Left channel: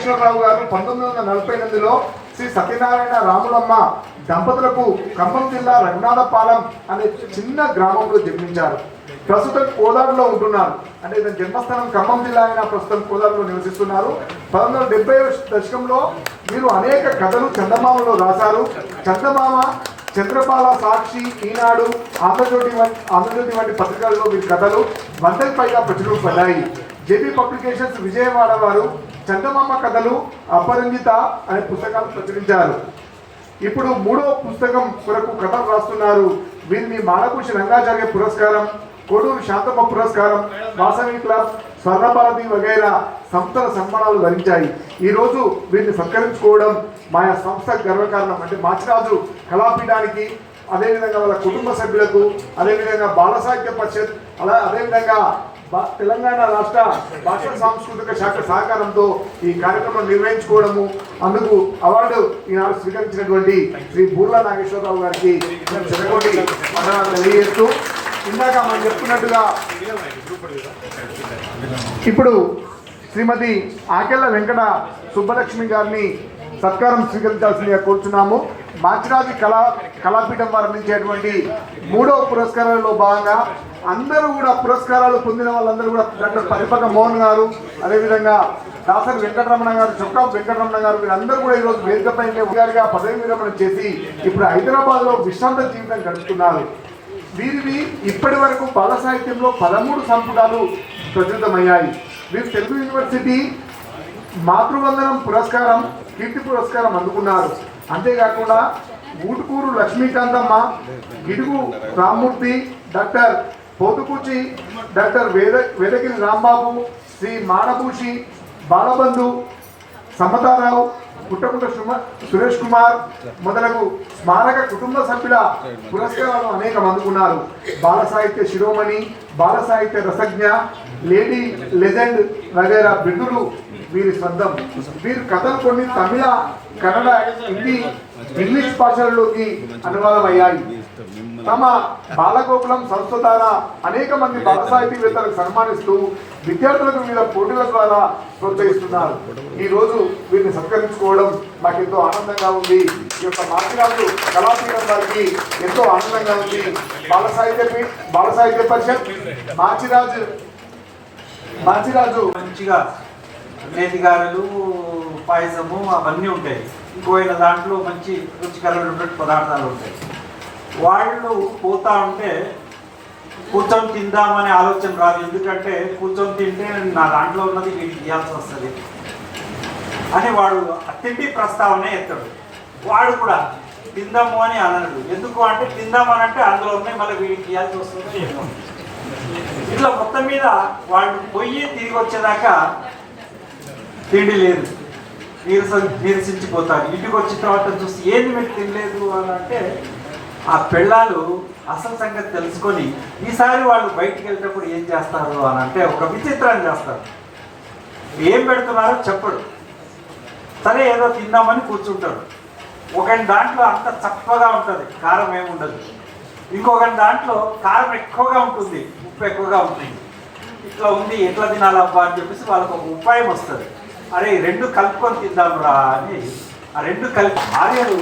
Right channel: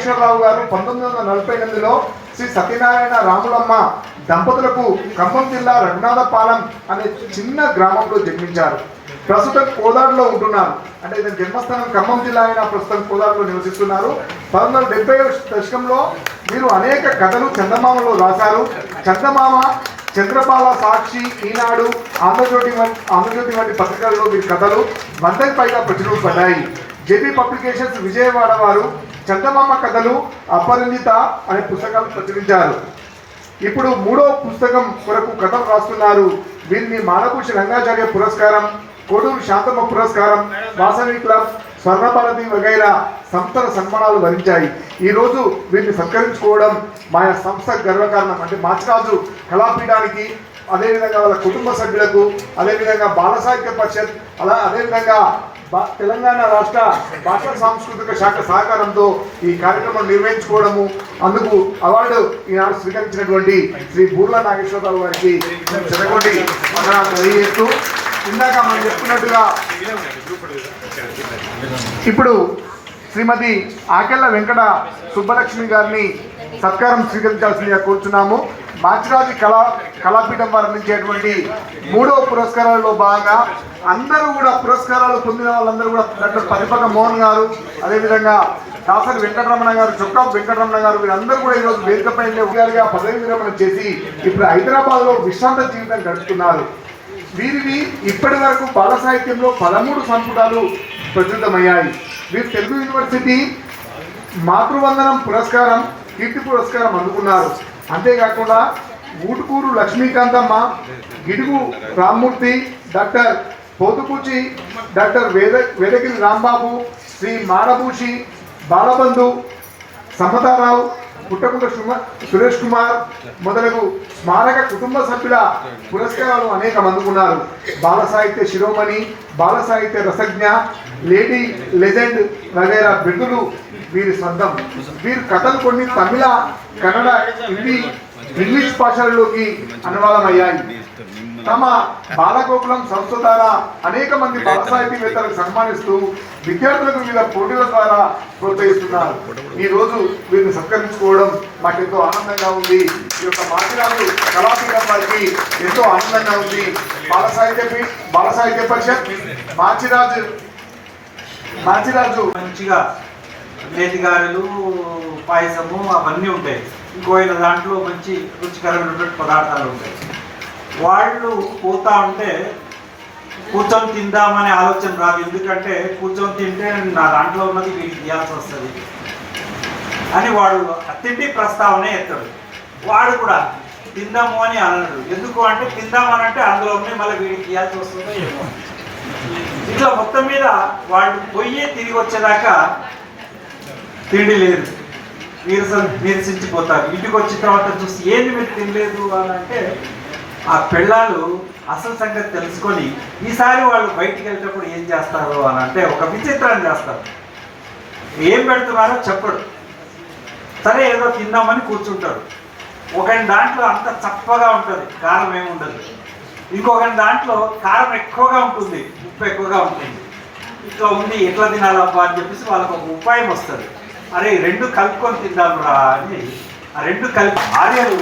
నాగేశ్వరరావు గారు పంతొమ్మిది వందల నలభై ఎనిమిదిలో శ్రీ సత్యనారాయణ రాములమ్మ దంపతులకు ఖమ్మం జిల్లా రఘునాథపాలెం అనే చిన్న గ్రామంలో జన్మించారు. ప్రస్తుతం కోదాడులో ఉంటున్నారు. అంటే ఇతని జన్మస్థానం ఖమ్మం జిల్లా అయినా ప్రస్తుతం కోదాడులో నివసిస్తున్నారు. పంతొమ్మిది వందల డెబ్బై దశకంలో వీరు అనేక కథలు చందమామలో రాశారు. చందమామ చంద్రపాల సాక్షి ఈనాడు ఆంధ్రజ్యోతి వంటి ఆంధ్రజ్యోతి వంటి పత్రికల్లో మీ కథలు వందకి పైగా ప్రచురింపబడ్డాయి జేపీ పబ్లికేషన్స్ విజయవాడ వారు చందమామ కథలు అపరిమిత అనే పుస్తకాలు ప్రచురించారు. ఇప్పుడు మూడో పుస్తకం కొరకు కథలు రాస్తున్నారు. వీరిని మానభూషి రంగాచార్య పురస్కారం కోడూరు శాంతమ్మ పురస్కారం వాసవి క్లబ్ స్వర్ణభారతి వగైరా సంస్థల సన్మానాలు వరించాయి ఈరోజు వీరిని సత్కరించుకోవడం మా సంస్థ గర్వకారణం అంటే మాచిరాజు కళాపీఠానికి అదేవిధంగా వాళ్ళ కుటుంబ సభ్యులకు అదేవిధంగా బాల సాహిత్య పరిషత్ అలా అదేవిధంగా తెలంగాణ రాష్ట్ర భాషా సాంస్కృతిక శాఖ సహకారంతో ఈ కార్యక్రమం నిర్వహించుకోవడము అందుకు అవార్డు ఈనాడు స్వీకరించినటువంటి శ్రీ బూర్లా నాగేశ్వరరావు గారికి మేము చెరగొండి తెలియజేస్తూ ఇందాక మనం చెప్పుకున్నట్టుగా ఇప్పుడు శ్రీమతి ఆకెళ్ళ వెంకట సుబ్బలక్ష్మి గారిని సత్కారం స్వీకరించాల్సిందిగా కోరుచున్నాము. మాచిరాజు కళా కళాపీఠం వారు అందించేటువంటి మూడవ పురస్కారాలలో భాగంగా అందరూ కూడా పురస్కారాలు పొందిన వాళ్ళందరూ కూడా డాక్టర్ పరిపక మోహన్ గారు అదేవిధంగా దాసరి వెంకటరమణ గారు చొక్కా వెంకటరమణ గారు వీరందరూ కూడా ఈరోజు వేదికపై గారిగా పదవి విరమణ చేసి ఇప్పుడు హైదరాబాద్లో విశ్రాంత జీవితం గడుపుతున్నారు. వీరిని ఇప్పటి వరకు బాల సాహిత్యంలో పదమూడు సంపుటాలు ప్రచురితమయ్యాయి. వీరు తెలుగు యూనివర్సిటీ మాతృవందనం పురస్కారం కీర్తి పురస్కారం అందుకున్నారు. అంతేకాకుండా ఊటుకూరు లక్ష్మీకాంతమ్మ గిడుగు రామ్మూర్తి డాక్టర్ పోతుకూచి డాక్టర్ వేద వేదగిరి రాంబాబు శ్రీ మాడభూషి బాలబంధు సమతారావు పుట్టకుంట సురేష్ కుమార్ మొదలగు స్మారక కుటుంబ సభ్యుల పురస్కారాలు అనేకం అందుకున్నారు బాల సాహిత్య శిరోమణి బాల సాహిత్య రసజ్ఞ లేడీ లెజెండ్ వగైరా బిరుదులు వీరి సొంతం వీరి కథలు కొన్ని తమిళ కన్నడ హిందీ ఇంగ్లీష్ భాషలలోకి అనువాదమయ్యాయి. తమ బాలగోకులం సంస్థ ద్వారా అనేక మంది బాల సాహితీవేత్తలు సన్మానిస్తూ విద్యార్థులకు వివిధ పోటీల ద్వారా ప్రోత్సహిస్తున్నారు. ఈ రోజు వీరిని సత్కరించుకోవడం మాకెంతో ఆనందంగా ఉంది. ఈ యొక్క మాచిరాజు కళాపీఠం వారికి ఎంతో ఆనందంగా ఉంది. బాల సాహిత్య బాల సాహిత్య పరిషత్ మాచిరాజు మంచిరాజు మంచిగా నేతి గారెలు పాయసము అవన్నీ ఉంటాయి. ఇంకోయిన దాంట్లో మంచి రుచికరమైనటువంటి పదార్థాలు ఉంటాయి. వాళ్ళు పోతా ఉంటే కూర్చొని తిందామనే ఆలోచన రాదు. ఎందుకంటే కూర్చొని తింటే నా దాంట్లో ఉన్నది వీడికి ఇవ్వాల్సి వస్తుంది అని వాడు తిండి ప్రస్తావనే ఎత్తాడు. వాడు కూడా తిందాము అని అనడు. ఎందుకు అంటే తిందామని అంటే అందులో ఉన్నాయి మళ్ళీ వీడికి ఇవ్వాల్సి వస్తుంది. ఇట్లా మొత్తం మీద వాళ్ళు పోయి తిరిగి వచ్చేదాకా తిండి లేదు. నీరస నీరసించిపోతారు. ఇంటికి వచ్చిన తర్వాత చూసి ఏంది మీరు తినలేదు అని అంటే ఆ పిల్లలు అసలు సంగతి తెలుసుకొని ఈసారి వాళ్ళు బయటికి వెళ్ళేటప్పుడు ఏం చేస్తారు అని అంటే ఒక విచిత్రాన్ని చేస్తారు. ఏం పెడుతున్నారో చెప్పడు సరే ఏదో తిందామని కూర్చుంటారు. ఒకని దాంట్లో అంత చప్పగా ఉంటుంది. కారం ఏమి ఇంకొక దాంట్లో కారం ఎక్కువగా ఉంటుంది ఉప్పు ఎక్కువగా ఉంటుంది. ఇట్లా ఉంది ఎట్లా తినాలబ్బా అని చెప్పేసి వాళ్ళకి ఒక ఉపాయం వస్తుంది. అరే రెండు కలుపుకొని తిందాంరా అని ఆ రెండు కలిపి భార్యలు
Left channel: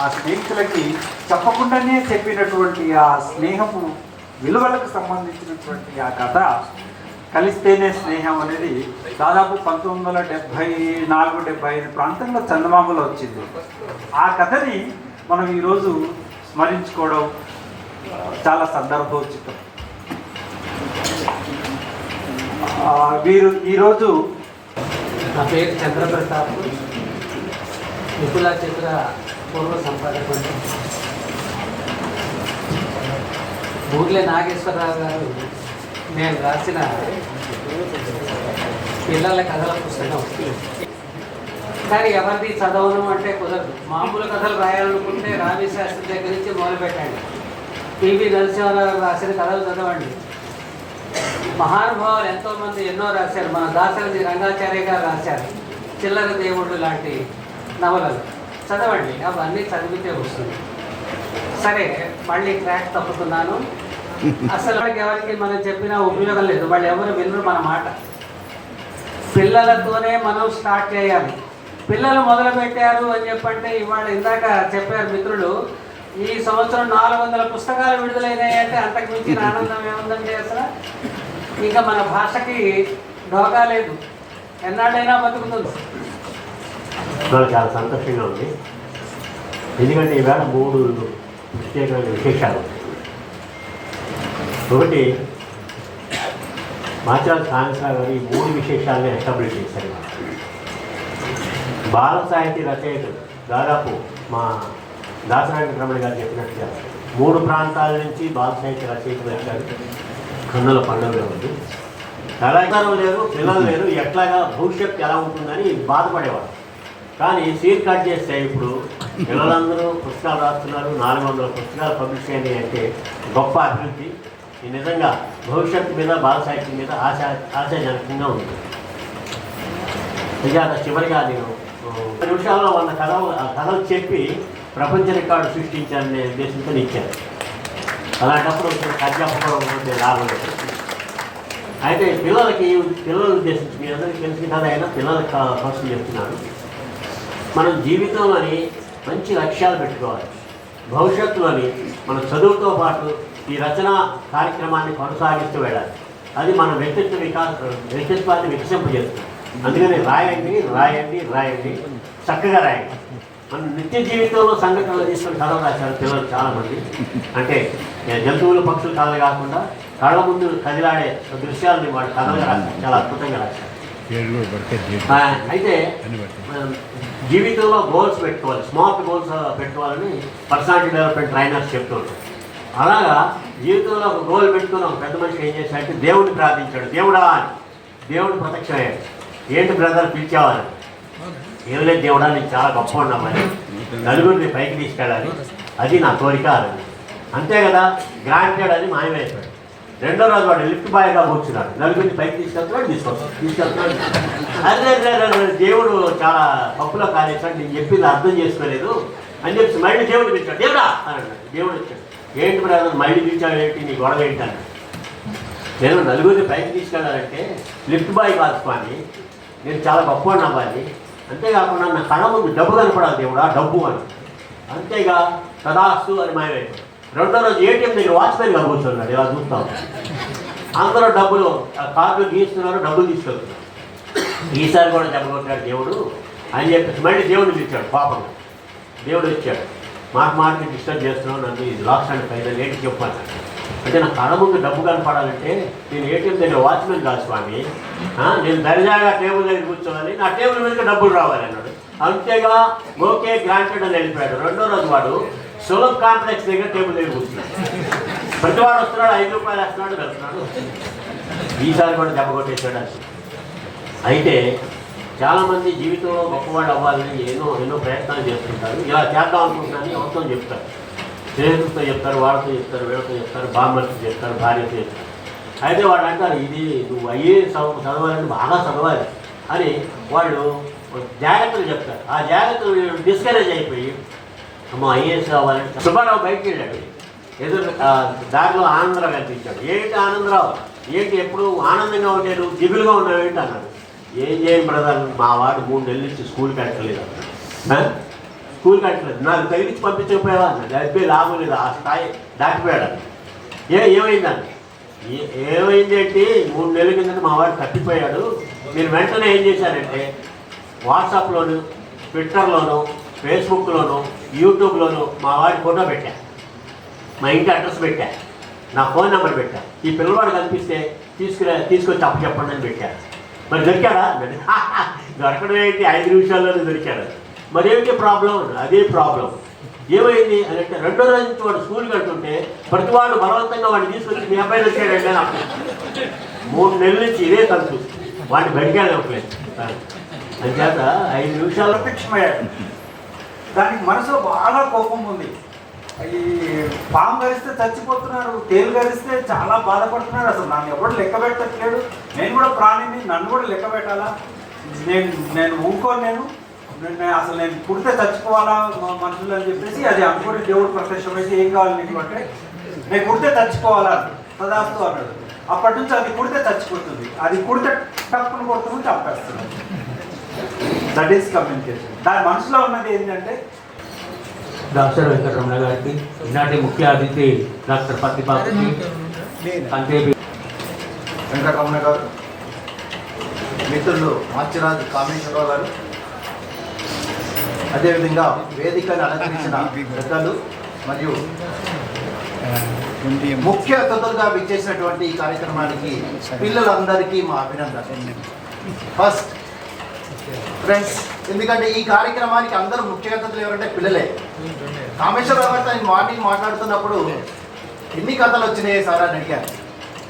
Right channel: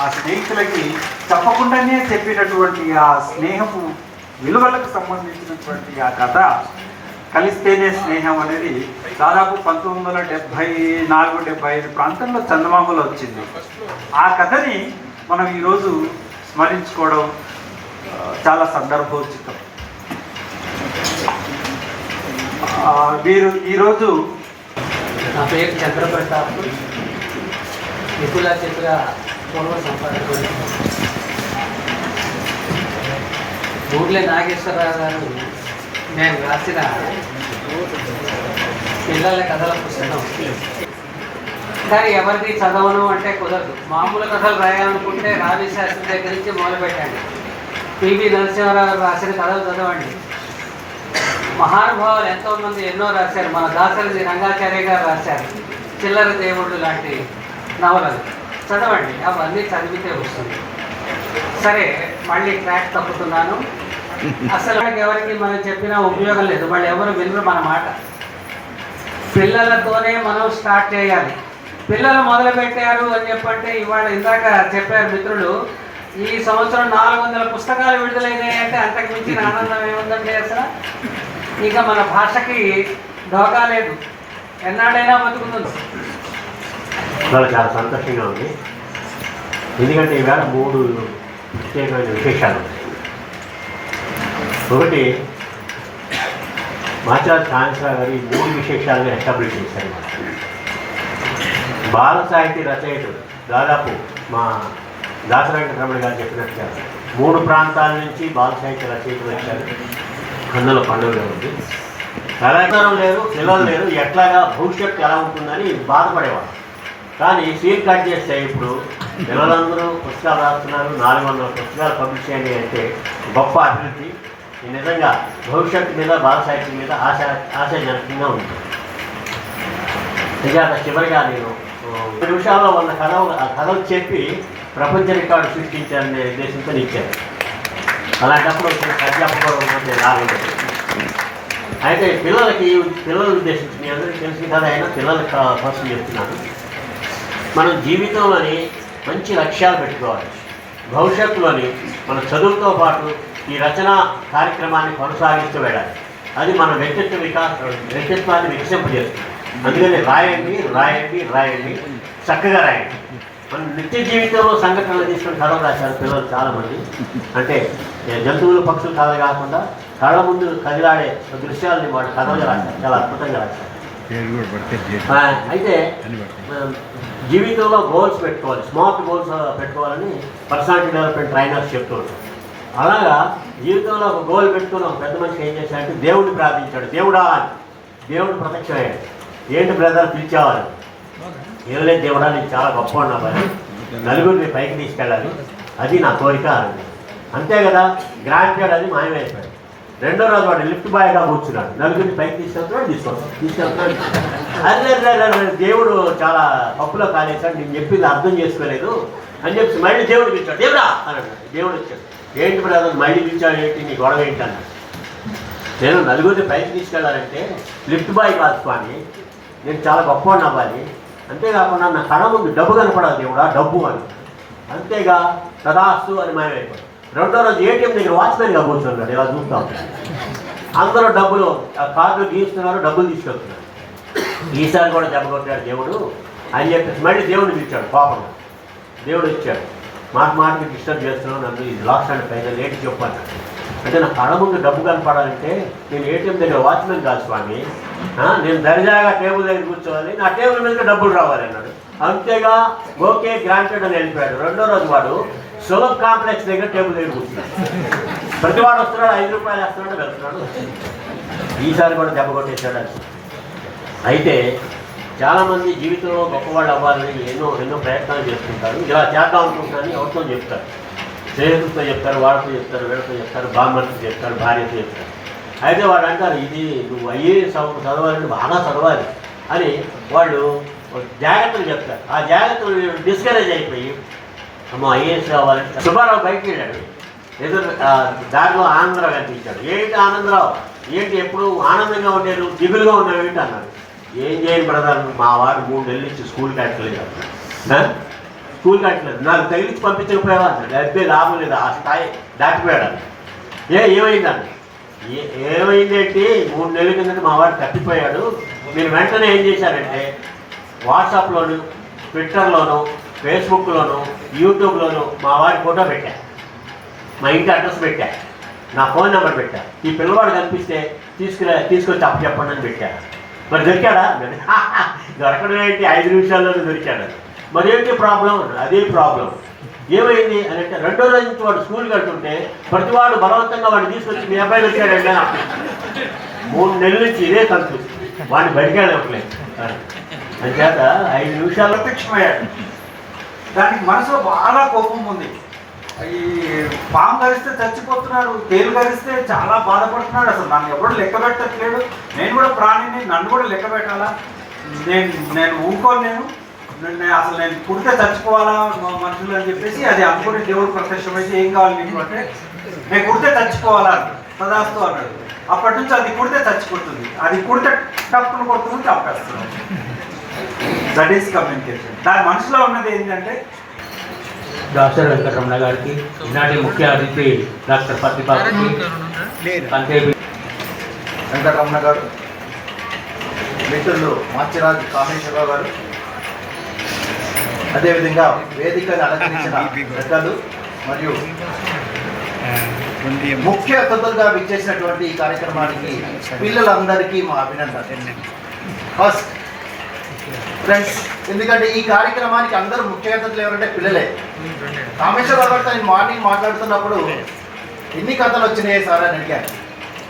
ఆ స్నేహితులకి చెప్పకుండానే చెప్పినటువంటి ఆ స్నేహపు విలువలకు సంబంధించినటువంటి ఆ కథ కలిస్తేనే స్నేహం అనేది దాదాపు పంతొమ్మిది వందల డెబ్భై నాలుగు డెబ్భై ఐదు ప్రాంతంలో చందమామలో వచ్చింది. ఆ కథని మనం ఈరోజు స్మరించుకోవడం చాలా సందర్భోచితం. ఆ, వీరు ఈరోజు నా పేరు చంద్రప్రతాప్. మిథిలా చిత్ర పూర్వ సంపాదకుడు. ఊర్లే నాగేశ్వరరావు గారు నేను రాసిన పిల్లల కథల పుస్తకం. కానీ ఎవరిది చదవను అంటే కుదరదు. మామూలు కథలు రాయాలనుకుంటే రావి శాస్త్రి దగ్గర నుంచి మొదలుపెట్టాను. పివి నరసింహారావు గారు రాసిన కథలు చదవండి. మహానుభావులు ఎంతోమంది ఎన్నో రాశారు. మన దాసరథి రంగాచార్య గారు రాశారు. చిల్లర దేవుళ్ళు లాంటి నవలలు. చదవండి. అవన్నీ చదివితే వస్తుంది. సరే మళ్ళీ ట్రాక్ తప్పుతున్నాను. అసలు ఎవరికి మనం చెప్పినా ఉపయోగం లేదు. వాళ్ళు ఎవరు వినరు మన మాట. పిల్లలతోనే మనం స్టార్ట్ చేయాలి. పిల్లలు మొదలు పెట్టారు అని చెప్పంటే ఇవాళ ఇందాక చెప్పారు మిత్రులు ఈ సంవత్సరం నాలుగు వందల పుస్తకాలు విడుదలైనాయంటే అంతకు మించిన ఆనందం ఏముందండి అసలు? ఇక మన భాషకి డోకా లేదు. ఎన్నాడైనా బతుకుతుంది. ఇవాళ చాలా సంతోషంగా ఉంది. ఎందుకంటే ఈవేళ మూడు ప్రత్యేకమైన విశేషాలు ఒకటి మాచార్ కాళేశ్వర గారు ఈ మూడు విశేషాలుగా ఎస్టాబ్లిష్ చేశారు. బాల సాహితీ రచయితలు దాదాపు మా దాసరాజ రమణ గారు చెప్పినట్టుగా మూడు ప్రాంతాల నుంచి బాల సాహిత్య రచయితలు వచ్చారు. కన్నుల పండుగ ఉంది. కళాకారం లేరు పిల్లలు లేరు. ఎట్లాగా భవిష్యత్తు ఎలా ఉంటుందని బాధపడేవారు. కానీ సీట్ కట్ చేస్తే ఇప్పుడు పిల్లలందరూ పుస్తకాలు రాస్తున్నారు. నాలుగు వందల పుస్తకాలు పబ్లిష్ చేయండి అంటే గొప్ప అభివృద్ధి. ఈ నిజంగా భవిష్యత్తు మీద బాల సాహిత్యం మీద ఆశ ఆశాజనకంగా ఉంది. నిజంగా చివరిగా నేను నిమిషాల్లో ఉన్న కథ ఆ కథలు చెప్పి ప్రపంచ రికార్డు సృష్టించాలనే ఉద్దేశంతో ఇచ్చారు. అలాంటప్పుడు అధ్యాపకం ఉంటే లాభం లేదు. అయితే పిల్లలకి పిల్లలు ఉద్దేశించి మీ అందరికీ తెలిసి కదా అయినా పిల్లలకు కోసం చెప్తున్నాను. మనం జీవితంలోని మంచి లక్ష్యాలు పెట్టుకోవాలి. భవిష్యత్తులోని మన చదువుతో పాటు ఈ రచన కార్యక్రమాన్ని కొనసాగిస్తూ వెళ్ళాలి. అది మన వ్యక్తిత్వ వికాస వ్యక్తిత్వాన్ని వికసింపజేస్తుంది. అందుకని రాయండి రాయండి రాయండి. చక్కగా రాయండి. మన నిత్య జీవితంలో సంఘటనలు తీసుకుని కథలు రాశారు పిల్లలు చాలామంది. అంటే జంతువులు పక్షులు కథలు కాకుండా కళ్ళ ముందు కదిలాడే దృశ్యాలని వాడు కథలుగా రాశారు చాలా అద్భుతంగా రాశారు. అయితే జీవితంలో గోల్స్ పెట్టుకోవాలి స్మార్ట్ గోల్స్ పెట్టుకోవాలని పర్సనాలిటీ డెవలప్మెంట్ ట్రైనర్స్ చెప్తుంటారు అలాగా జీవితంలో ఒక గోల్ పెట్టుకుని ఒక పెద్ద మనిషి ఏం చేశాడంటే దేవుడిని ప్రార్థించాడు. దేవుడా అని. దేవుడు ప్రత్యక్షమయ్యాడు. ఏంటి బ్రదర్ పిలిచావని ఏం లేదు దేవుడా నేను చాలా గొప్ప ఉన్నామని నలుగురిని పైకి తీసుకెళ్ళాలి. అది నా కోరిక అని అంతే కదా గ్రాంటెడ్ అని మాయమైపోయాడు రెండో రోజు వాడు లిఫ్ట్ బాయ్గా కూర్చున్నాడు. నలుగురిని పైకి తీసుకెళ్తున్నాడు తీసుకొస్తాడు తీసుకెళ్తున్నాడు అదే అదే, దేవుడు చాలా తప్పులో కాలేశాడు నేను చెప్పింది అర్థం చేసుకోలేదు. అని చెప్పి మళ్ళీ దేవుడు పిలిచాడు దేవుడా అన్నాడు. దేవుడు వచ్చాడు. ఏంటి బ్రదర్ మళ్ళీ పిలిచాడు ఏంటి? నీ గొడవ ఏంటి? అన్నాడు. నేను నలుగురిని పైకి తీసుకెళ్ళాలంటే లిఫ్ట్ బాయ్ కాదు స్వామి. నేను చాలా గొప్ప అవ్వాలి. అంతేకాకుండా నా కళ ముందు డబ్బు కనపడాలి దేవుడా డబ్బు అని. అంతేగా తదాస్తు అని మాయమైపోయాడు రెండో రోజు ఏటీఎం దగ్గర వాచ్మెన్గా కూర్చున్నాడు ఇలా చూస్తాం అందరూ డబ్బులు ఆ కార్డులు గీస్తున్నారు డబ్బులు తీసుకెళ్తున్నారు. ఈసారి కూడా జరగబోతున్నాడు దేవుడు. అని చెప్పేసి మళ్ళీ దేవుడికి ఇచ్చాడు పాపం. దేవుడు ఇచ్చాడు మాట మాటకి డిస్టర్బ్ చేస్తున్నావు నన్ను ఇది లాస్ట్ అండ్ ఫైనల్ ఏంటి చెప్పాను ఏదైనా నా కళ ముందు డబ్బు కనపడాలంటే నేను ఏటీఎం దగ్గర వాచ్మెన్ కాదు స్వామి. నేను దర్జాగా టేబుల్ దగ్గర కూర్చోవాలి. నా టేబుల్ మీద డబ్బులు రావాలి అన్నాడు. అంతేగా ఓకే గ్రాంటెడ్ అని వెళ్ళిపోయాడు. రెండో రోజు వాడు సులభ్ కాంప్లెక్స్ దగ్గర టేబుల్ దగ్గర కూర్చున్నాడు. ప్రతి వాడు వస్తున్నాడు ఐదు రూపాయలు వేస్తున్నాడు వెళ్తున్నాడు. ఈసారి కూడా దెబ్బ కొట్టేశాడు అని అయితే చాలామంది జీవితంలో గొప్పవాడు అవ్వాలని ఎన్నో ఎన్నో ప్రయత్నాలు చేస్తుంటారు. ఇలా చేద్దాం అనుకుంటారని ఎవరితో చెప్తారు. స్నేహితులతో చెప్తారు వాళ్ళతో చెప్తారు వీళ్ళతో చెప్తారు బామ్మతో చెప్తారు భార్యతో చెప్తారు. అయితే వాళ్ళు అంటారు ఇది నువ్వు ఐఏఎస్ చదవాలంటే బాగా చదవాలి అని వాళ్ళు జాగ్రత్తలు చెప్తారు. ఆ జాగ్రత్తలు డిస్కరేజ్ అయిపోయి అమ్మో ఐఏఎస్ కావాలంటే సుబ్బారావు బయటికి వెళ్ళాడు. ఎదురు దారిలో ఆనందరావు కనిపించాడు. ఏంటి ఆనందరావు? ఏంటి ఎప్పుడు ఆనందంగా ఉండేది? దిగులుగా ఉన్నావు ఏంటి? అన్నాడు. ఏం చేయను బ్రదర్ మా వాడు మూడు నెలలు ఇచ్చి స్కూల్ కట్టలేదు. స్కూల్ కట్టలేదు నాకు తగిలించి పంపించకపోయావా అన్నాడు అయితే లాభం లేదు. ఆ స్థాయి దాటిపోయాడు ఏ ఏమైందండి ఏ- ఏమైందేంటి? మూడు నెలల కింద మా వాడు తప్పిపోయాడు. మీరు వెంటనే ఏం చేశారంటే వాట్సాప్లోను ట్విట్టర్లోను ఫేస్బుక్లోను యూట్యూబ్లోను మా వాడి ఫోటో పెట్టా. మా ఇంటి అడ్రస్ పెట్టా. నా ఫోన్ నెంబర్ పెట్టా. ఈ పిల్లవాడు కనిపిస్తే తీసుకురా తీసుకొచ్చి అప్పు చెప్పండి అని పెట్టాడు మరి దొరికాడా? దొరకడం ఏంటి? ఐదు నిమిషాల్లోనే దొరికాడు. మరేంటి ప్రాబ్లం? అదే ప్రాబ్లం. ఏమైంది అని అంటే రెండో రోజు నుంచి వాడు స్కూల్కి వెళ్తుంటే ప్రతి వాడు బలవంతంగా వాడిని తీసుకొచ్చి మీ అబ్బాయిని వచ్చాడండి అని మూడు నెలల నుంచి ఇదే తలుపు. వాడిని బడికెళ్ళట్లేదు అంచేత ఐదు నిమిషాలు ప్రత్యక్షమయ్యాడు దానికి మనసులో బాగా కోపం ఉంది. ఈ పాము కరిస్తే చచ్చిపోతున్నాడు తేలు కరిస్తే చాలా బాధపడుతున్నాడు. అసలు నన్ను ఎవడు లెక్క పెట్టట్లేడు. నేను కూడా ప్రాణిని నన్ను కూడా లెక్క పెట్టాలా? నేను నేను ఊరుకోను నేను. అసలు నేను పుడితే చచ్చిపోవాలా మనుషులు అని చెప్పేసి అది అనుకుని దేవుడు ప్రత్యక్షమైతే ఏం కావాలి నీకు అంటే నేను పుడితే చచ్చిపోవాలా పదాస్తు అన్నాడు అప్పటి నుంచి అది కుడితే చచ్చిపోతుంది. అది కుడితే టప్పును కొడుతుంది చంపేస్తున్నాం దట్ ఈస్ కమ్యూనికేషన్ దాని మనసులో ఉన్నది ఏంటంటే డాక్టర్ వెంకటరమణ గారికి ఈనాటి ముఖ్య అతిథి డాక్టర్ పత్తిపాకి అంతే వెంకటరమణ గారు మిత్రులు మాచిరాజు కామేశ్వరరావు గారు అదేవిధంగా వేదికను అలంకరించిన పెద్దలు మరియు ముఖ్య అతిథులుగా విచ్చేసినటువంటి ఈ కార్యక్రమానికి పిల్లలందరికీ మా అభినందన ఫస్ట్ ఫ్రెండ్స్ ఎందుకంటే ఈ కార్యక్రమానికి అందరూ ముఖ్య అతిథులు ఎవరంటే పిల్లలే. కామేశ్వరరావు గారితో నేను మార్నింగ్ మాట్లాడుతున్నప్పుడు ఎన్ని కథలు వచ్చినాయి సార్ అని అడిగాను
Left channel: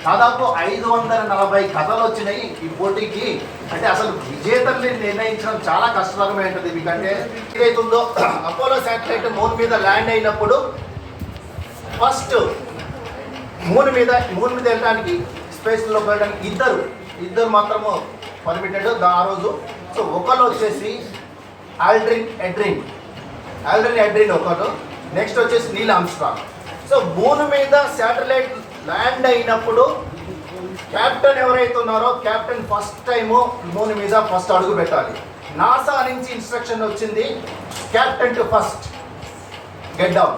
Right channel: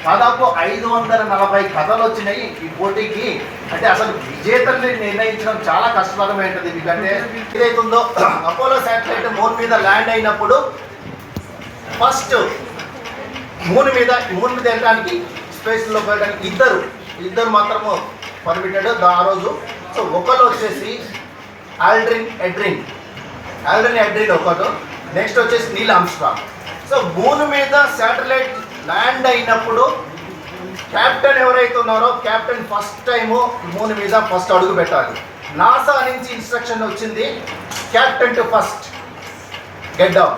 దాదాపు ఐదు వందల నలభై కథలు వచ్చినాయి ఈ పోటీకి. అంటే అసలు విజేతల్ని నిర్ణయించడం చాలా కష్టతరమైనది ఎందుకంటే ఏదైతుందో ఉందో అపోలో శాటిలైట్ మూన్ మీద ల్యాండ్ అయినప్పుడు ఫస్ట్ మూన్ మీద మూన్ మీద వెళ్ళడానికి స్పేస్లో పోయడానికి ఇద్దరు ఇద్దరు మాత్రము పర్మిటెడ్ ఆ రోజు. సో ఒకళ్ళు వచ్చేసి ఆల్డ్రిన్ ఎడ్రిన్ ఆల్డ్రిన్ ఎడ్రిన్ ఒకరు నెక్స్ట్ వచ్చేసి నీల్ ఆమ్స్ట్రాంగ్ సో భూమి మీద శాటిలైట్ ల్యాండ్ అయినప్పుడు క్యాప్టెన్ ఎవరైతే ఉన్నారో క్యాప్టెన్ ఫస్ట్ టైము మూన్ మీద ఫస్ట్ అడుగు పెట్టాలి. నాసా నుంచి ఇన్స్ట్రక్షన్ వచ్చింది captain to first. Get down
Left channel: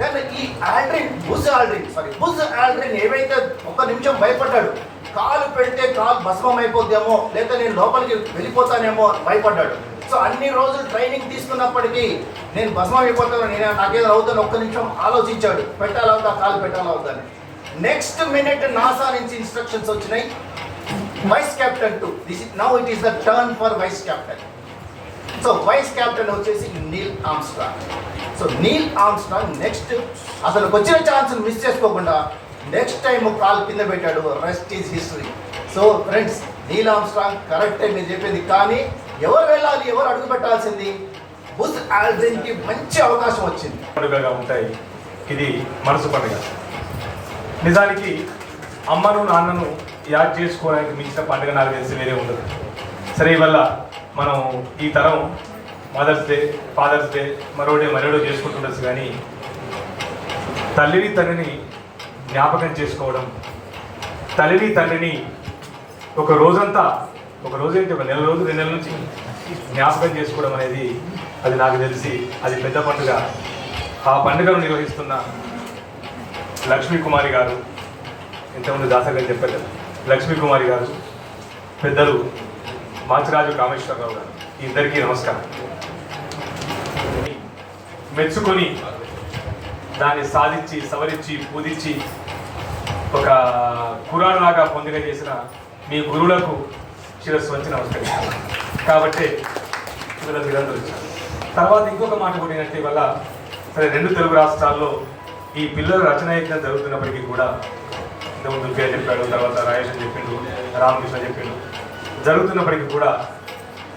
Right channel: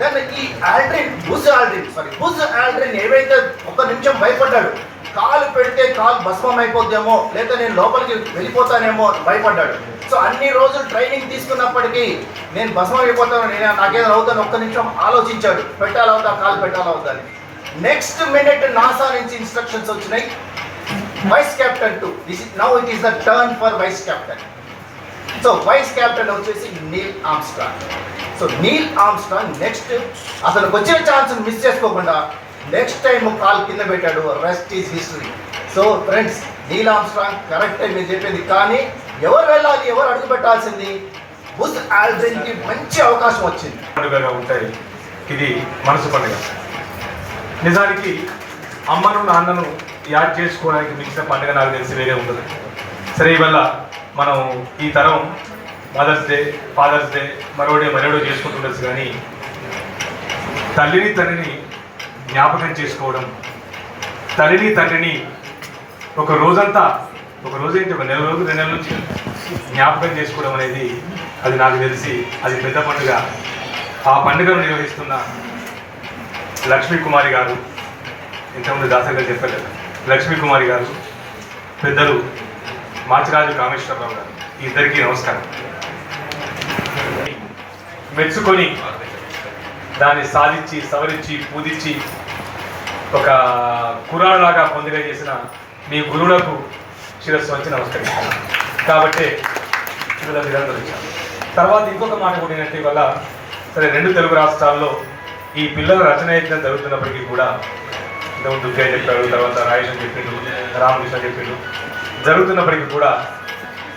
then ఈ Aldrin Buzz Aldrin sorry Buzz Aldrin ఏవైతే ఒక నిమిషం భయపడ్డాడు కాలు పెడితే కాలు భస్మం అయిపోద్దేమో లేదా నేను లోపలికి వెళ్ళిపోతానేమో భయపడ్డాడు. సో అన్ని రోజులు ట్రైనింగ్ తీసుకున్నప్పటికీ నేను భస్మం అయిపోతాను నేను నాకేదో అవుతాను ఒక్క నిమిషం ఆలోచించాడు. పెట్టాలా అవుతా కాలు పెట్టాలా అని. నెక్స్ట్ మినిట్ నాసా నుంచి ఇన్స్ట్రక్షన్స్ వచ్చినాయి. Vice captain to this now it is the turn for vice captain so vice captain వచ్చేసి Neil Armstrong so Neil Armstrong next అతనికి వచ్చిన ఛాన్స్ మిస్ చేసుకోకుండా నెక్స్ట్ టైం కాల్ కింద పెట్టాడు. Rest is history so friends Neil Armstrong కరెక్టే మీరు చెప్పింది. కానీ ఎవరు వెళ్ళాలి ఎవరు అడుగు పెట్టాల్సింది? బుజ్ ఆల్డ్రిన్కి మంచి అవకాశం వచ్చింది. పండుగగా ఉంటాయి. ఇది మనసు పండుగ. నిజానికి అమ్మను నాన్నను యాడ్ చేసుకోవడానికి మించిన పండుగ నాకు తెలిసి వేరే ఉండదు. సరే ఇవల్ల మనం ఈ తరం మదర్స్ డే ఫాదర్స్ డే మరోడే మరోడో చేసుకుంటుండొచ్చు కానీ తల్లిని తండ్రిని జ్ఞాపకం చేసుకోవడం తల్లిని తండ్రిని ఒక రోజంతా ఒక రోజు ఏంటి ఒక నెల రోజు రెండు నెలల నుంచి జ్ఞాపకం చేసుకోవడం అనేది అది నాకు తెలిసి అది పెద్ద పండుగ. ఆ పండుగను నిర్వహిస్తున్న లక్ష్మీ కుమారి గారు ఇంతకుముందు దాసరి గారు చెప్పారు లక్ష్మీ కుమారి గారు పెద్దలు మాచిరాజు కామేశ్వరరావు గారు ఇద్దరికీ నమస్కారం. మెచ్చుకొని దాన్ని సాధించి సవరించి పూజించి ఒక కురాలాగా పొందిగా చేసిన మీ గురువులకు శిరస్సు వచ్చి నమస్కరిస్తాను. కాబట్టి తర్వాత ఇంకొక మాట కూడా వల్ల సరే రెండు తెలుగు రాష్ట్రాల్లో ఈ పిల్లల రచన యజ్ఞం జరుగుతున్నప్పటికీ కూడా ఇంతకుముందు దుర్గయ్య చెప్పాడు తర్వాత రాయేష్ చెప్పిండు రామకృష్ణ చెప్పిండు. జరుగుతున్నప్పటికీ కూడా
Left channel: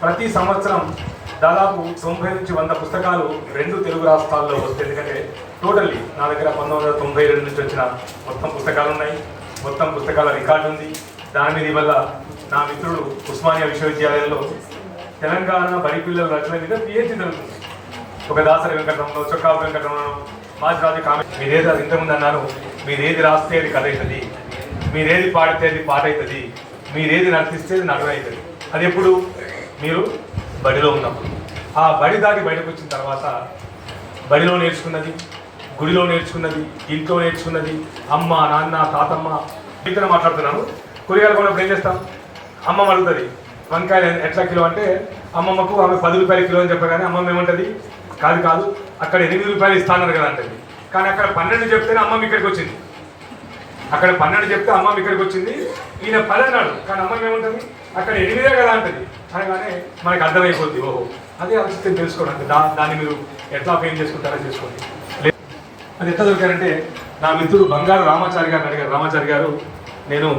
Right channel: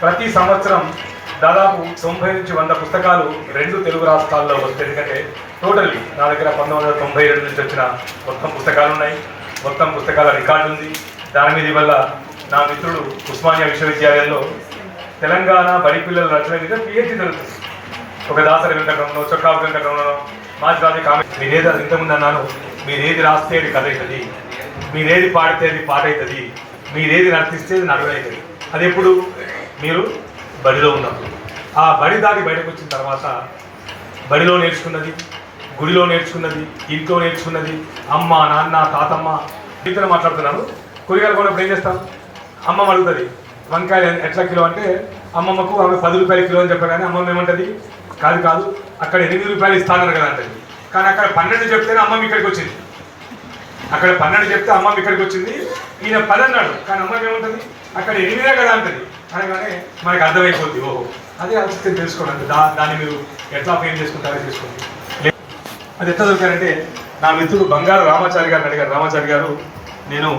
ప్రతి సంవత్సరం దాదాపు తొంభై నుంచి వంద పుస్తకాలు రెండు తెలుగు రాష్ట్రాల్లో వస్తాయి ఎందుకంటే టోటల్లీ నా దగ్గర పంతొమ్మిది వందల తొంభై రెండు నుంచి వచ్చిన మొత్తం పుస్తకాలు ఉన్నాయి. మొత్తం పుస్తకాల రికార్డు ఉంది. దాని మీద వల్ల నా మిత్రుడు ఉస్మానియా విశ్వవిద్యాలయంలో తెలంగాణ బడి పిల్లల రచన మీద పిహెచ్డి జరుగుతుంది. ఒక దాసరి వెంకటరమణ చొక్కా వెంకటరమణ మాజీ కామె మీరేది ఇంతకుముందు అన్నాను మీరేది రాస్తే అది కథ అవుతుంది మీరేది పాడితే అది పాట అవుతుంది మీరేది నడిపిస్తే అది నడువు అది ఎప్పుడు? మీరు బడిలో ఉన్నప్పుడు. ఆ బడి దాటి బయటకు వచ్చిన తర్వాత బడిలో నేర్చుకున్నది గుడిలో నేర్చుకున్నది ఇంట్లో నేర్చుకున్నది అమ్మ నాన్న తాతమ్మ మీతో మాట్లాడుతున్నాను. కూరగాయలు కూడా ఏం చేస్తాం? అమ్మమ్మ అడుగుతుంది వంకాయలు ఎట్లా కిలో అంటే అమ్మమ్మకు ఆమె పది రూపాయల కిలో అని చెప్పగానే అమ్మమ్మ ఏమంటుంది? కాదు కాదు. అక్కడ ఎనిమిది రూపాయలు ఇస్తానన్నారు కదా అంటది. కానీ అక్కడ పన్నెండు చెప్తేనే అమ్మమ్మ ఇక్కడికి వచ్చింది. అక్కడ పన్నెండు చెప్తే అమ్మమ్మ ఇక్కడికి వచ్చింది. ఈయన పది అన్నాడు. కానీ అమ్మమ్మ ఏముంటుంది? అక్కడ ఎనిమిదే కదా అంటది. అనగానే మనకు అర్థమైపోద్ది. ఓహో. అదే ఆలోచిస్తే తెలుసుకోండి దా దాన్ని మీరు ఎట్లా ఫెయిల్ చేసుకుంటారో చేసుకోండి అది ఎట్లా దొరికారంటే నా మిత్రుడు బంగారు రామాచారి గారు అడిగారు. రామాచారి గారు నేను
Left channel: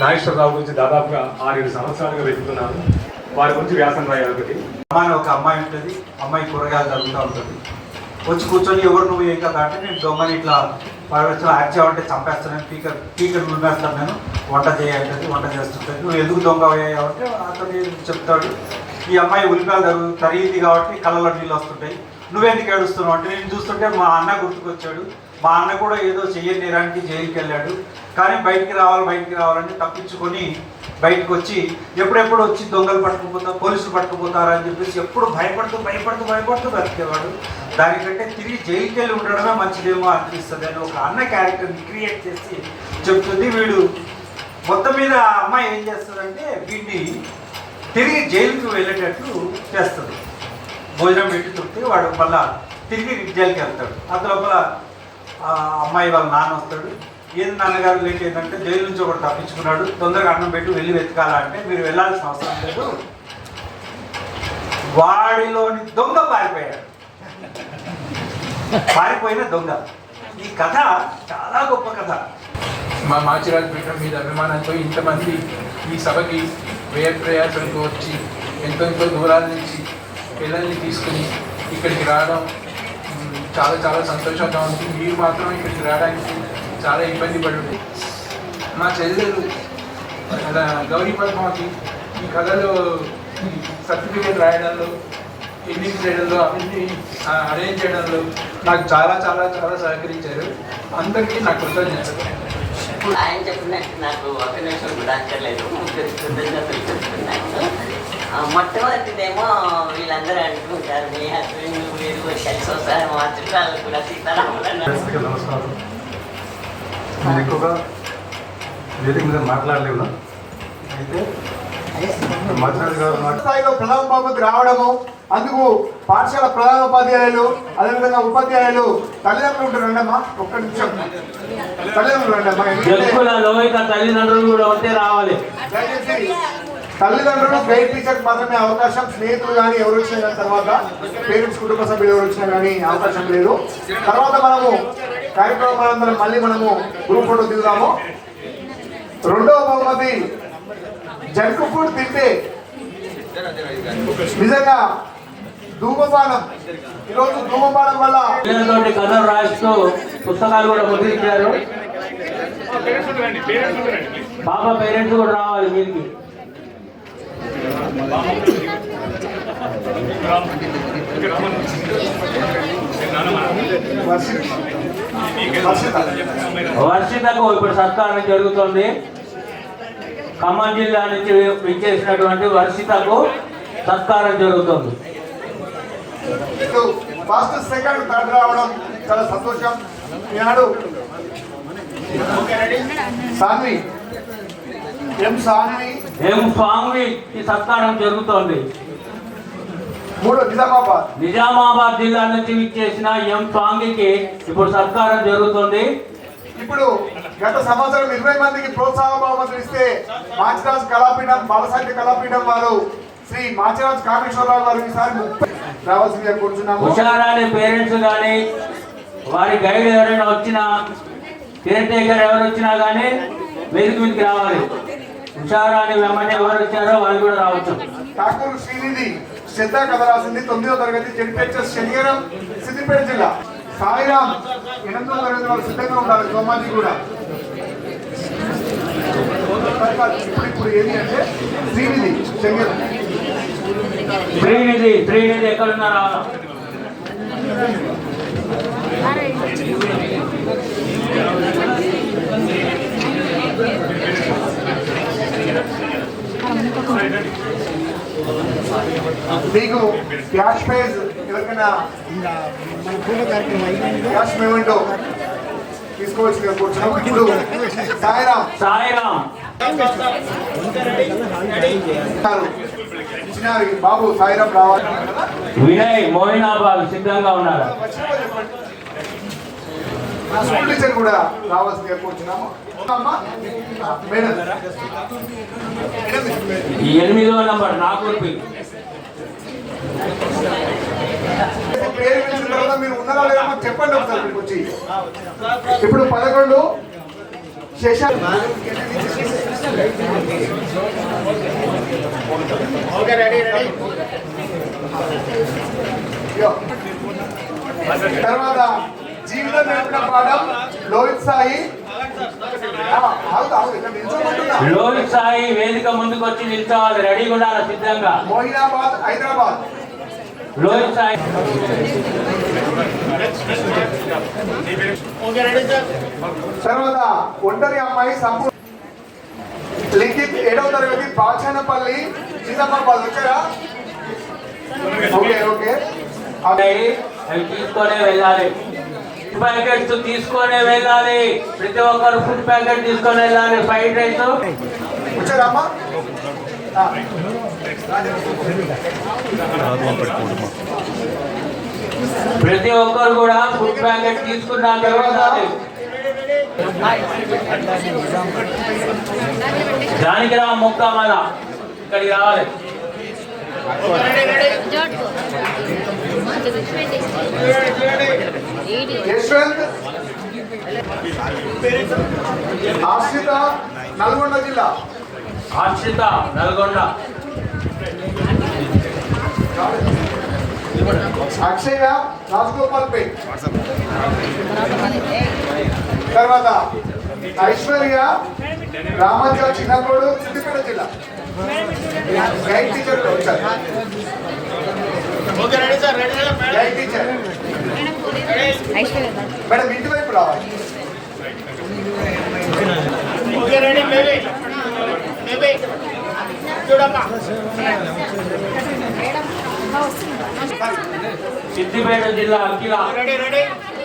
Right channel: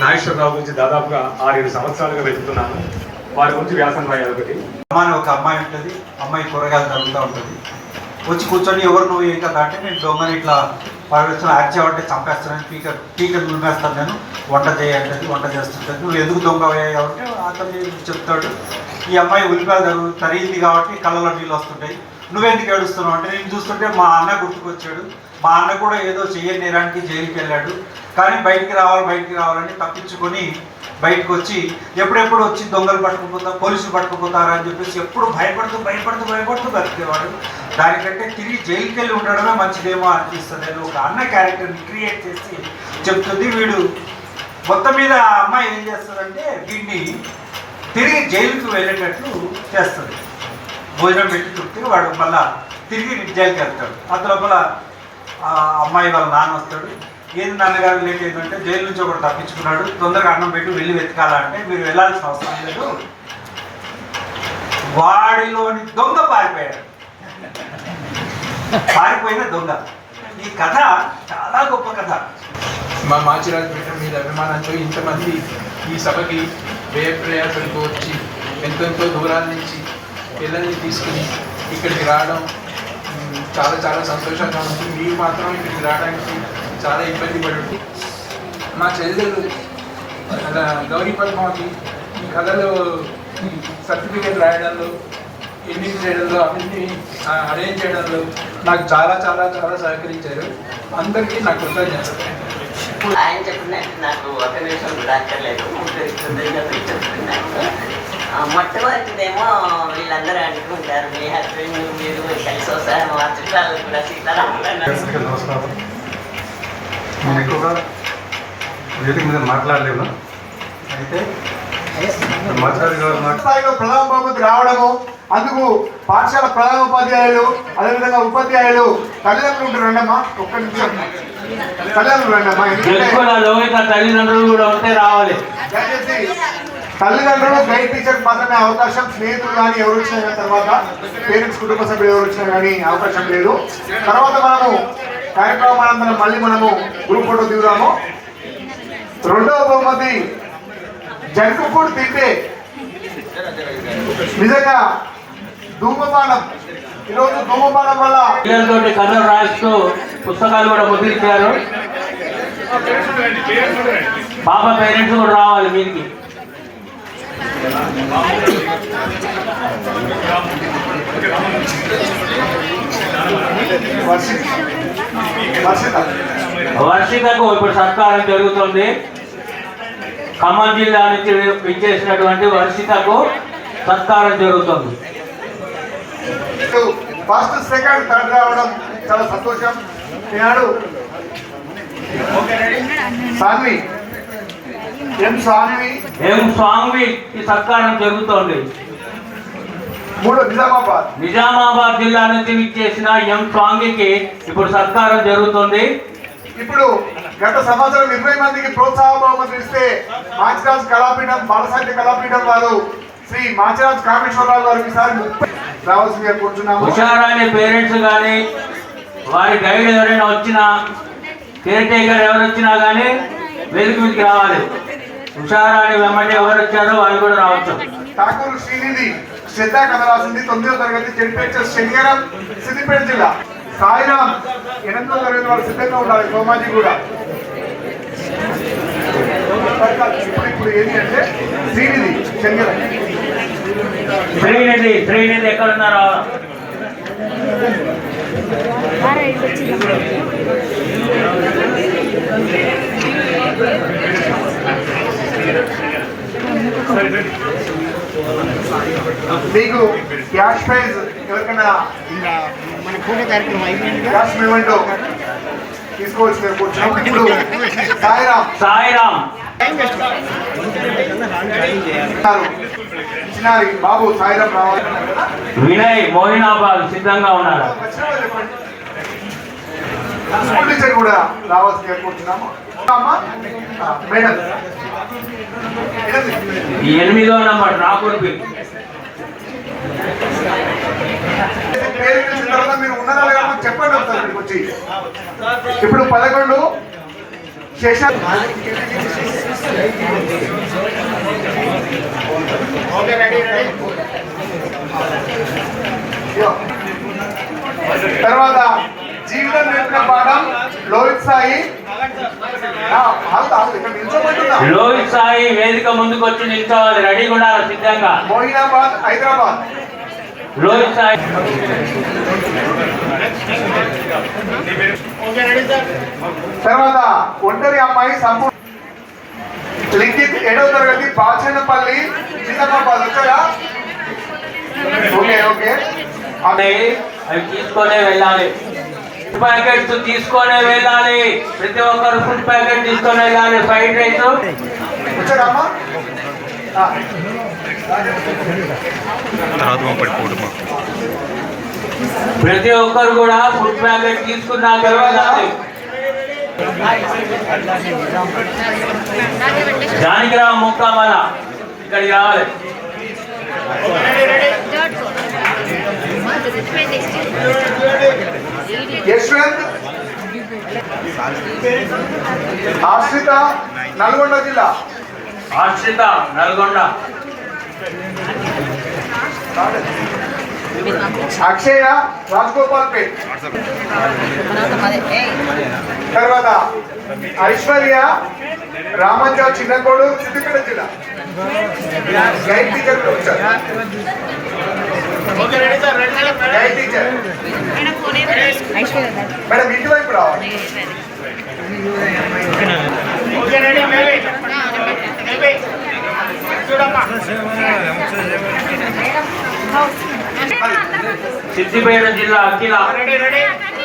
నాగేశ్వరరావు గురించి దాదాపుగా ఆరేడు సంవత్సరాలుగా వెతుకుతున్నాను. వారి గురించి వ్యాసం రాయాలి ఒకటి. అమ్మాయి ఒక అమ్మాయి ఉంటుంది అమ్మాయి కూరగాయలు తరుగుతూ ఉంటుంది. వచ్చి కూర్చొని ఎవరు నువ్వు ఏం కదా అంటే నేను దొంగని ఇట్లా పడవచ్చు యాక్ట్ చేయాలంటే చంపేస్తాను పీకర్ పీకర్ దుమ్మేస్తాను నేను వంట చేయంటది వంట చేస్తుంటుంది. నువ్వు ఎందుకు దొంగ అంటే అతను చెప్తాడు ఈ అమ్మాయి ఉల్లిపాయలు తరుగు తరిగింది కాబట్టి కళ్ళలో నీళ్ళు వస్తుంటాయి. నువ్వెందుకు ఏడుస్తున్నావు అంటే నేను చూస్తుంటే మా అన్న గుర్తుకొచ్చాడు. మా అన్న కూడా ఏదో చేయని నేరానికి జైలుకి వెళ్ళాడు కానీ బయటికి రావాలి బయటికి రావాలని తప్పించుకొని బయటకు వచ్చి ఎప్పుడెప్పుడు వచ్చి దొంగలు పట్టుకుపోతా పోలీసులు పట్టుకుపోతారా అని చెప్పేసి ఎప్పుడు భయపడుతూ భయపడుతూ భయపడుతూ బ్రతికేవాడు. దానికంటే తిరిగి జైలుకి వెళ్ళి ఉండడమే మంచిదేమో అనిపిస్తుంది. అని ఒక అన్న క్యారెక్టర్ని క్రియేట్ చేసి చెప్తుంది. వీడు మొత్తం మీద ఆ అమ్మాయి ఏం చేస్తుందంటే వీడిని తిరిగి జైలుకు వెళ్ళేటట్లు చేస్తుంది. భోజనం పెట్టి చుట్టూ వాడు మళ్ళా తిరిగి జైలుకి వెళ్తాడు అంత లోపల అమ్మాయి వాళ్ళ నాన్న వస్తాడు. ఏది నాన్నగారు లేట్ ఏంటంటే జైలు నుంచి ఒకటి తప్పించుకున్నాడు. తొందరగా అన్నం పెట్టి వెళ్ళి వెతకాలంటే మీరు వెళ్ళాల్సిన అవసరం లేదు. వాడిలోని దొంగ పారిపోయాడు. పారిపోయిన దొంగ. ఈ కథ చాలా గొప్ప కథ. మా మాచిరాజు పీఠం మీద అభిమానంతో ఇంతమంది ఈ సభకి వ్యయ ప్రయాసంతో వచ్చి ఎంతెంతో దూరాల నుంచి పిల్లల్ని తీసుకుని ఇక్కడికి రావడం చాలా చాలా సంతోషంగా ఉంది. మీరు మాత్రం ఇక్కడికి రావడానికి చాలా ఇబ్బంది పడుతుంది. మా చెల్లెలు గౌరీ పద్మావతి ఈ కథలో సర్టిఫికేట్ రాయడంలో ఎన్నిక చేయడంలో అవన్నీ అరేంజ్ చేయడంలో నాకు చాలా చాలా చాలా సహకరించారు. అందరికీ నా కృతజ్ఞతలు. ఆయన చెప్పినట్టు నాకు ఒక నిమిషం కూడా అక్కర్లేదు కృతజ్ఞతలు చెప్తున్నాను ఆ, మొట్టమొదటిదేమో వీళ్ళందరూ అనుకుంటారు మీ హస్బెండ్ మీరు కలిసి వస్తారు మా చుట్టాలు కూడా సీతారాములు అన్నారు. నమస్కారం. నేను ఎక్కువగా వేదిక మీద మాట్లాడలేను అయితే స్థాయిలో బహుమతి రావడము అందుకు పాఠశాల ప్రధాన ఉపాధ్యాయులు అదేవిధంగా ఉపాధ్యాయులు తల్లిదండ్రులు ఉంటారు రండమ్మా ఒక్క నిమిషం. తల్లిదండ్రులు రండమ్మా తల్లిదండ్రులు కూడా ఉంటే రావాలి. తల్లిదండ్రులు గైడ్ టీచర్ మాత్రమే అవకాశం స్నేహితులు కానీ ఎవరు వచ్చినా కానీ తర్వాత పేరెంట్స్ కుటుంబ సభ్యులు ఎవరు వచ్చినా కానీ అవకాశం లేదు. తర్వాత మనము కార్యక్రమం అనంతరం మళ్ళీ మనము గ్రూప్ ఫోటో దిగుదాము. రెండవ బహుమతి జంకు ఫుడ్ తింటే నిజంగా ధూమపానం. ఈరోజు ధూమపానం వల్ల పిల్లలతోటి కథలు రాస్తూ పుస్తకాలు కూడా ముద్రించారు. పాప పేరెంట్స్ కూడా రావాలి మీరికి వర్షి వర్షితకు ఇప్పుడు సత్కారం జరుగుతుంది. ఖమ్మం జిల్లా నుంచి విచ్చేసినటువంటి వర్షితకు సత్కారం జరుగుతుంది. ఫస్ట్ సెకండ్ థర్డ్ రావడం చాలా సంతోషం. ఈనాడు సాన్వి ఎం సాన్వి? ఏం స్వామి ఈ సత్కారం జరుగుతోంది. మూడు నిజామాబాద్. నిజామాబాద్ జిల్లా నుంచి విచ్చేసిన ఎం స్వామికి ఇప్పుడు సత్కారం జరుగుతుంది. ఇప్పుడు గత సంవత్సరం ఇరవై మందికి ప్రోత్సాహ బహుమతులు ఇస్తే మాచిరాజ్ కళాపీఠం బాలసాహిత్య కళాపీఠం వారు శ్రీ మాచిరాజ్ కామేశ్వరరావు గారు ఈసారి ముప్పై రావాల్సిందిగా హుషారాని పేరెంట్స్ కానీ వారి గైడ్ ఎవరైనా వచ్చినా కేర్ టేకర్ ఎవరు వచ్చినా కానీ వేదిక మీదకి రావాలి. హుషారాని వెంబడి ఎవరు వచ్చారో వాళ్ళు కూడా రావచ్చు. ఠాకూర్ శ్రీనిధి శ్రద్ధ కథ రాసింది తొమ్మిదవ తరగతి జడ్పేచర్ శనివారం సిద్దిపేట జిల్లా. సాయిరామ్ ఎనిమిదో తరగతి వాళ్ళు సిద్ధంగా ఉండాలి సోమాజీ కూడా. ఇప్పుడు ఇప్పుడు ఏది అంటే శ్రీనిధి శనివారం శ్రీనిధి శ్రీనిధి ఎక్కడున్నారో? మీకు క్యాష్ ప్రైజ్ ఎవరికైనా క్యాష్ పేమెంట్ ఇప్పుడు సాయిరామ్. సాయిరామ్. బాబు సాయిరామ్ రావాలి. వినయ్ మోహినాబాద్ సిద్ధంగా ఉన్నారు. స్కూల్ టీచర్ కూడా రావాల్సిందిగా కూర్చున్నాము అమ్మా మేడం. ఎనిమిదో నంబర్ రాకూర్పి పేరు పిలిచిన తర్వాత మీరు ఉన్నారా లేదా మాకు చెప్పండి ఒకసారి ఇక్కడికి వచ్చి. ఇప్పుడు పదకొండు శేషాలు ఇదిగో. తర్వాత జీవితం నేర్పిన పాఠం లోహిత్ సాయి. లోహిత్ సాయి వేదిక ముందుకు వచ్చి నిల్చోవాలి రెడీ కూడా సిద్ధంగా? మోయినాబాద్ హైదరాబాద్. రోహిత్ సాయి. తర్వాత ఒంటరి అమ్మాయి సంపూర్ణ లిఖిత్ ఏడవ తరగతి బాచనపల్లి చిన్నమ్మాబాద్ వచ్చారా ఓకే ఓకే. అవి తీసుకొని వెళ్ళాలి. ప్యాకెట్స్ తీసుకొని వెళ్ళాలి. ప్రతి ఒక్కరు ఫుడ్ ప్యాకెట్ తీసుకొని వెళ్ళాలి. Fried rice. వచ్చారమ్మా? ఆ, ప్రతి ఒక్కరు కూడా ఫుడ్ ప్యాకెట్ తీసుకున్నాక వెళ్ళాలి. జానకిరామ్ ముక్కమాల ఇక్కడికి రావాలి. యశ్వంత్. ఆశ్రిత నల్గొండ జిల్లా. ఆశ్రిత నల్గొండ. అక్షయ రాజగోపాల్ పేట్ తర్వాత ఐశ్వర్య రామజ చిన్నకోడు సిద్దిపేట జిల్లా. గైడ్ టీచర్ వచ్చారు మేడం ఇటువైపు రావాలి సిద్దిపేట జిల్లా అఖిల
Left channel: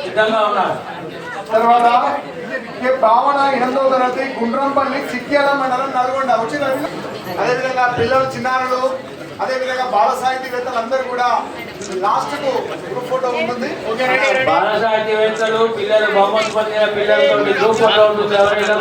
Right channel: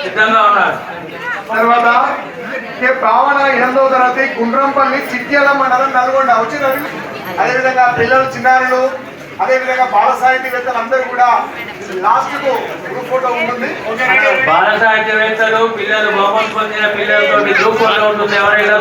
సిద్ధంగా ఉన్నారు. తర్వాత భావన ఎనిమిదవ తరగతి గుండ్రంపల్లి చిట్యాల మండలం నల్గొండ. వచ్చినారు అదేవిధంగా పిల్లలు చిన్నారులు అదేవిధంగా బాల సాహితీవేత్తలు అందరూ కూడా లాస్ట్కు ఫోటో ఉంటుంది. బాల సాహిత్యవేత్తలు పిల్లలు బహుమతి పొందిన పిల్లలతో గ్రూప్ ఫోటో ఉంటుంది ఎవరైనా